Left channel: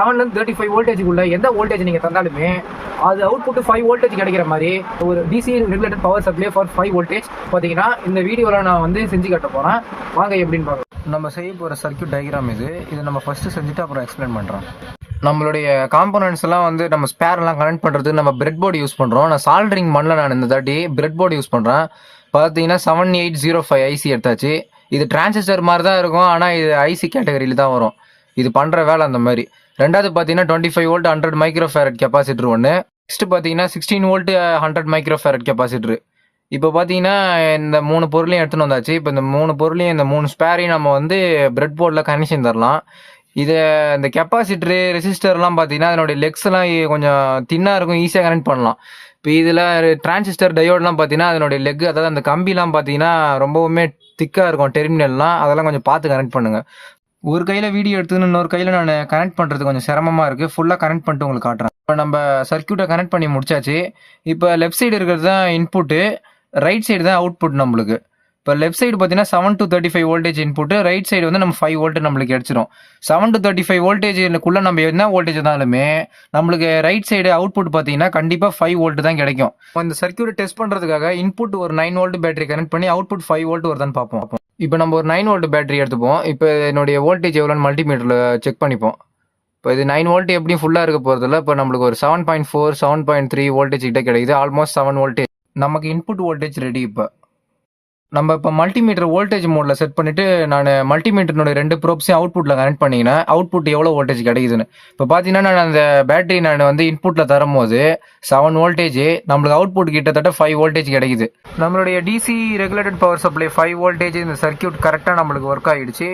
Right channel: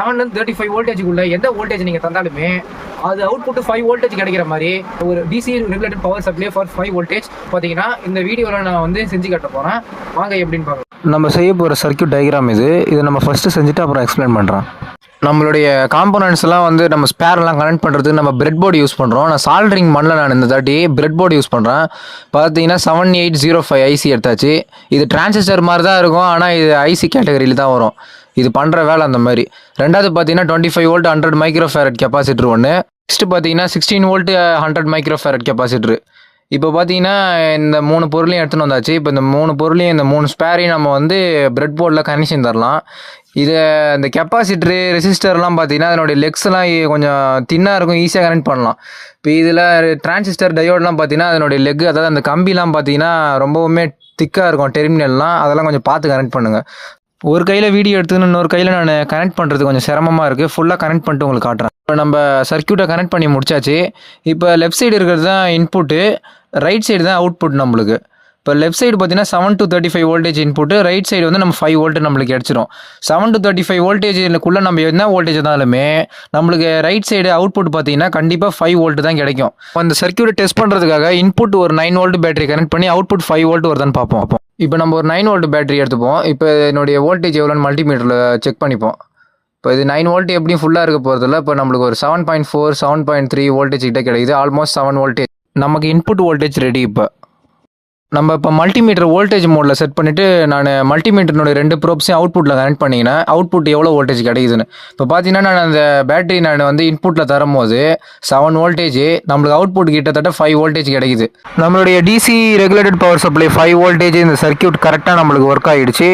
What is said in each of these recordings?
7 35 வோல்டேஜுக்குள்ள எந்த வோல்டேஜ் நீங்கள் தந்தாலுமே அது அவுட்புட் 5 வோல்டேஜ் கிடைக்கிற மாதிரி ஒரு DC regulated power supply for 5 voltage பார்த்தீங்கன்னா இந்த வீடியோவில் நான் வந்து செஞ்சு காட்ட போகிறேன். வாங்க எப்படின்னு பார்க்கலாம். நம்ம செய்ய போகிற சர்க்யூட் டயக்ராம் இதை நம்ம ஃபஸ்ட்டு செஞ்சுட்டு அப்புறம் எக்ஸ்பிளைன் பண்ணுறோம். நம்மளுடைய காம்போனன்ட்ஸ் எல்லாம் வந்து நம்ம ஸ்பேர்லாம் கனெக்ட் பண்ணுறதுக்கு நம்ம பிரெட் போர்டு யூஸ் பண்ணுறோம். நான் சால்ட்ரிங் பண்ணல, நான் இந்த தாட்டி பிரெட் போர்டு யூஸ் பண்ணுறேன். பார்த்தீங்கன்னா 7805 ஐசி எடுத்தாச்சு. இது டிரான்சிஸ்டர் மாதிரி தான் இருக்கும், ஆனால் இது ஐசி கேட்டகரியில் தான் வரும். இது பண்ணுற வேலை அந்த மாதிரி. ரெண்டாவது பார்த்தீங்கன்னா 25 வோல்ட் 100 மைக்ரோஃபேரட் கெப்பாசிட்டர் ஒன்று. நெக்ஸ்ட்டு பார்த்தீங்கன்னா 16 வோல்ட் 100 மைக்ரோஃபேரட் கெப்பாசிட்டர். இப்போ பார்த்தீங்கன்னா இந்த 3 பொருளையும் எடுத்துன்னு வந்தாச்சு. இப்போ இந்த 3 பொருளையும் இந்த 3 ஸ்பேரையும் நம்ம வந்து பிரெட் போர்டில் கனெக்ஷன் தரலாம். இதை இந்த கெப்பாசிட்டரு ரெசிஸ்டர்லாம் பார்த்தீங்கன்னா அதனுடைய லெக்ஸ்லாம் கொஞ்சம் தின்னாக இருக்கும், ஈஸியாக கனெக்ட் பண்ணலாம். இப்போ இதில் டிரான்சிஸ்டர் டயோட்லாம் பார்த்தீங்கன்னா அதனுடைய லெக், அதாவது அந்த கம்பிலாம் பார்த்தீங்கன்னா ரொம்பவுமே திக்காக இருக்கும் டெர்மினல்லாம். அதெல்லாம் கொஞ்சம் பார்த்து கனெக்ட் பண்ணுங்கள். ஒரு கையில் வீடியோ எடுத்துன்னு இன்னொரு கையில் நான் கனெக்ட் பண்ணுறது கொஞ்சம் சிரமமாக இருக்குது. ஃபுல்லாக கனெக்ட் பண்ணிட்டு உங்களுக்கு காட்டுறேன். இப்போ நம்ம சர்க்யூட்டை கனெக்ட் பண்ணி முடிச்சாச்சு. இப்போ லெஃப்ட் சைடு இருக்கிறது தான் இன்புட்டு, ரைட் சைடு தான் அவுட்புட் நம்மளுக்கு. இப்போ லெஃப்ட் சைடு பார்த்தீங்கன்னா 7 to 35 voltage input, right side வந்து நம்ம 5 வோல்ட் நம்மளுக்கு கிடச்சிரும். 7 to 35 வோல்டேஜுக்குள்ளே நம்ம என்ன வோல்டேஜ் இருந்தாலுமே நம்மளுக்கு ரைட் சைடு அவுட்புட் பார்த்தீங்கன்னா கண்டிப்பாக 5 வோல்ட் தான் கிடைக்கும். அந்த சர்க்யூட்டை டெஸ்ட் பண்ணுறதுக்காக இன்புட் ஒரு 9 வோல்ட் பேட்டரி கனெக்ட் பண்ணி அவுட்புட் 5 வோல்ட் வருதான்னு பார்ப்போம். இப்போ நம்ம ஒரு 9 வோல்ட் பேட்டரி எடுத்துப்போம். இப்போ என்னுடைய வோல்டேஜ் எவ்வளோன்னு மல்டிமீட்டரில் செக் பண்ணிப்போம். இப்போ இது 9 வோல்ட் எப்படியும் ஃபுல்லாக இருக்க போகிறதில்ல. இப்போ நம்மளுக்கு ஒரு 7.4 7.3 வோல்டேஜ் கிட்ட கிடைக்குது. ஆல்மோஸ்ட் 7 வோல்டேஜ் நமக்கு இன்புட் வோல்டேஜ் ரெடி. நம்ம இப்போ மல்டிமீட்டர் வோல்டேஜ் மோடில் செட் பண்ணிவிட்டு நான் மல்டிமீட்டர்னுடைய 2 ப்ரோப்ஸையும் அவுட்புட்டில் கனெக்ட் பண்ணிங்கன்னா அவுட்புட் எவ்வளோ வோல்டேஜ் கிடைக்குதுன்னு. இப்போ பார்த்தீங்கன்னா நான் அந்த பேட்டரி நான் வந்து இன்புட்டில் தரும்போது 7 வோல்டேஜ், நம்மளுக்கு அவுட்புட் கிட்டத்தட்ட 5 வோல்டேஜ் கிடைக்குது. நம்மளுடைய DC regulated power supply 5 voltage இந்த சர்க்யூட் கரெக்டாக நம்மளுக்கு ஒர்க் ஆகிடுச்சு.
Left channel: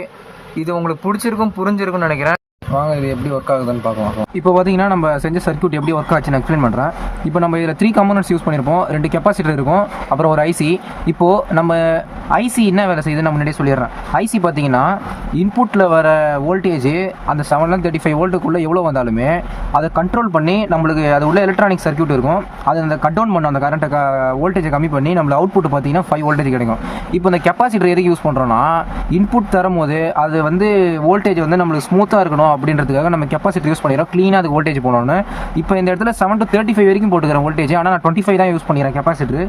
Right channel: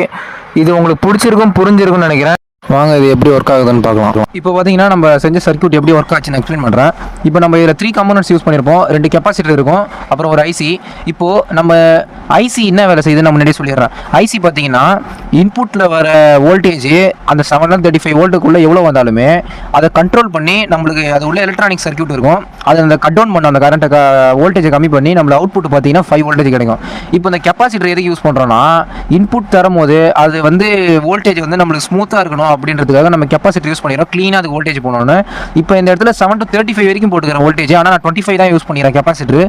இது உங்களுக்கு பிடிச்சிருக்கும், புரிஞ்சிருக்கும்னு நினைக்கிறேன். வாங்க இது எப்படி ஒர்க் ஆகுதுன்னு பார்க்கலாம். இப்போ பார்த்தீங்கன்னா நம்ம செஞ்ச சர்க்யூட் எப்படி ஒர்க் ஆச்சுன்னு எக்ஸ்பிளைன் பண்ணுறேன். இப்போ நம்ம இதில் 3 காம்போனன்ட்ஸ் யூஸ் பண்ணியிருப்போம். 2 கெப்பாசிட்டர் இருக்கும், அப்புறம் ஒரு ஐசி. இப்போது நம்ம ஐசி என்ன வேலை செய்யுதுன்னு நான் முன்னாடியே சொல்லிடுறேன். ஐசி பார்த்தீங்கன்னா இன்புட்டில் வர வோல்டேஜ் அந்த 735 வோல்ட்டுக்குள்ளே எவ்வளோ வந்தாலுமே அதை கண்ட்ரோல் பண்ணி நம்மளுக்கு அது உள்ள எலக்ட்ரானிக் சர்க்யூட் இருக்கும், அதை அந்த கட் டவுன் பண்ண அந்த கரண்ட்டை வோல்டேஜை கம்மி பண்ணி நம்மள அவுட்புட் பார்த்தீங்கன்னா 5 வோல்டேஜ் கிடைக்கும். இப்போ இந்த கெப்பாசிட்டர் எதுக்கு யூஸ் பண்ணுறோன்னா, இன்புட் தரும்போது அது வந்து வோல்டேஜ் வந்து நம்மளுக்கு ஸ்மூத்தாக இருக்கணும் அப்படின்றதுக்காக நம்ம கெப்பாசிட்டர் யூஸ் பண்ணிடுறோம், க்ளீனாக அது வோல்டேஜ் போனோன்னு. இப்போ இந்த இடத்துல 7 to 35 வரைக்கும் போட்டுக்கிறேன் வோல்டேஜ், ஆனால் நான் 25 தான் யூஸ் பண்ணிடுறேன் கெப்பாசிட்டர்.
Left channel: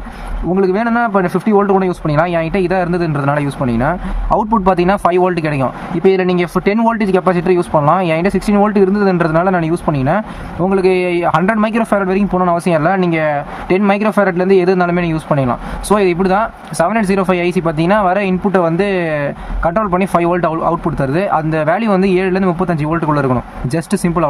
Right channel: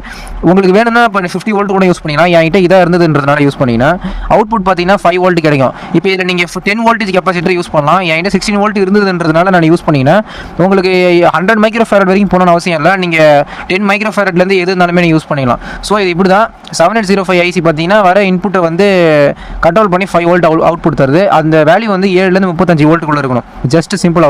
உங்களுக்கு வேணும்னா இப்போ 50 வோல்ட் கூட யூஸ் பண்ணிக்கலாம். என்கிட்ட இதாக இருந்ததுன்றதுனால யூஸ் பண்ணிங்கன்னா அவுட்புட் பார்த்தீங்கன்னா 5 வோல்ட் கிடைக்கும். இப்போ இதில் நீங்கள் 10 வோல்டேஜ் கெப்பாசிட்டர் யூஸ் பண்ணலாம். என்கிட்ட 16 வோல்ட் இருந்ததுன்றதுனால நான் யூஸ் பண்ணிங்கன்னா உங்களுக்கு 100 மைக்ரோஃபேரட் வரைக்கும் போகணும்னு அவசியம் இல்லை. நீங்கள் 10 மைக்ரோஃபேரட்லேருந்து எது இருந்தாலுமே யூஸ் பண்ணிக்கலாம். ஸோ இது இப்படி தான் 7805 ஐசி பார்த்தீங்கன்னா வர இன்புட்டை வந்து கண்ட்ரோல் பண்ணி 5 வோல்ட் அவுட்புட் தருது. அந்த வேல்யூ வந்து 7 to 35 வோல்ட்டுக்குள்ளே இருக்கணும். Just simple.